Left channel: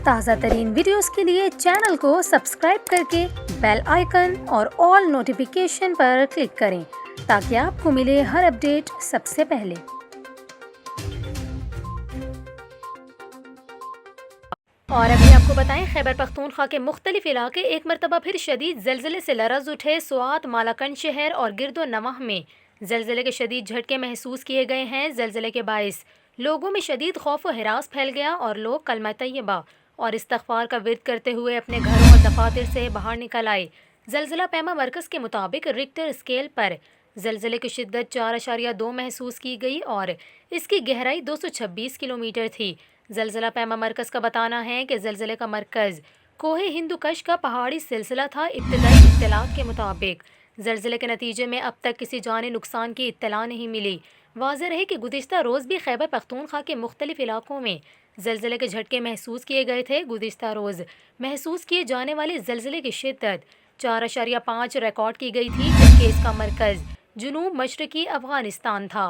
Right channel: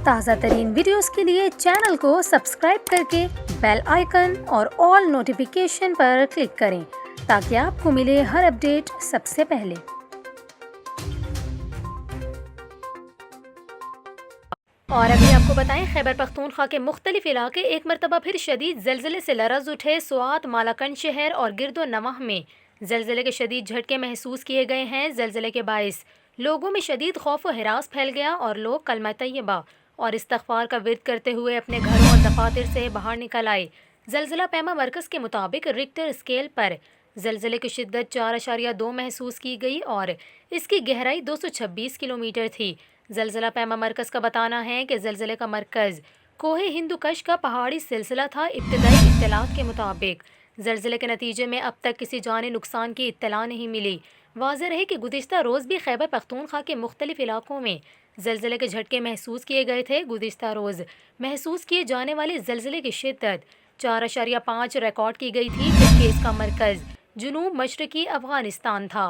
ताज़ा तरीन वीडियोस के लिए चैनल को सब्सक्राइब करके बेल आइकन और ऑल नोटिफिकेशन पर क्लिक करें ताकि आपको मिले हर अपडेट सबसे पहले। और अभी आपको बताएं, खैबर पख्तूनख्वा के मुख्तलिफ इलाके एक मरतबा फिर शदीद जलजिले से लरज उठे। स्वात, मालाकंड शहर और गिरदो नवाह में जलजिले के शदीद झटके महसूस किए गए हैं। जलजिले के बाइस लोगों में शदीद खौफ व हिरास फैल गया और लोग कलमा तैयबा और इस्तग़फ़ार का विर्द करते हुए अपने घरों और दफातर से बाहर निकल आए। जलजिला पैमा मरकज़ के मुताबिक रिक्टर स्केल पर जलजिले की शिद्दत 4.2 महसूस की गई और इसकी गहराई 226 किलोमीटर थी। जलजिला पैमा मरकज़ का बताना है कि जलजिले का मरकज़ कोहे हिंदुकश का पहाड़ी सिलसिला था। इब्तदाई इत्तलात के मुताबिक जलजिले के नतीजे में अब तक किसी जानी नुकसान की इत्तला नहीं मिली। वाज़ेह रहे कि गुज़िश्ता रोज़ भी खैबर पख्तूनख्वा के मुख्तलिफ इलाकों में जलजिले के झटके महसूस किए गए थे। गुज़िश्ता रोज़ महसूस किए जाने वाले जलजिले की शिद्दत 4.5 रिकॉर्ड की गई थी, जबकि इसका मरकज़ जुनूब मशरक़ी अफ़गानिस्तान था।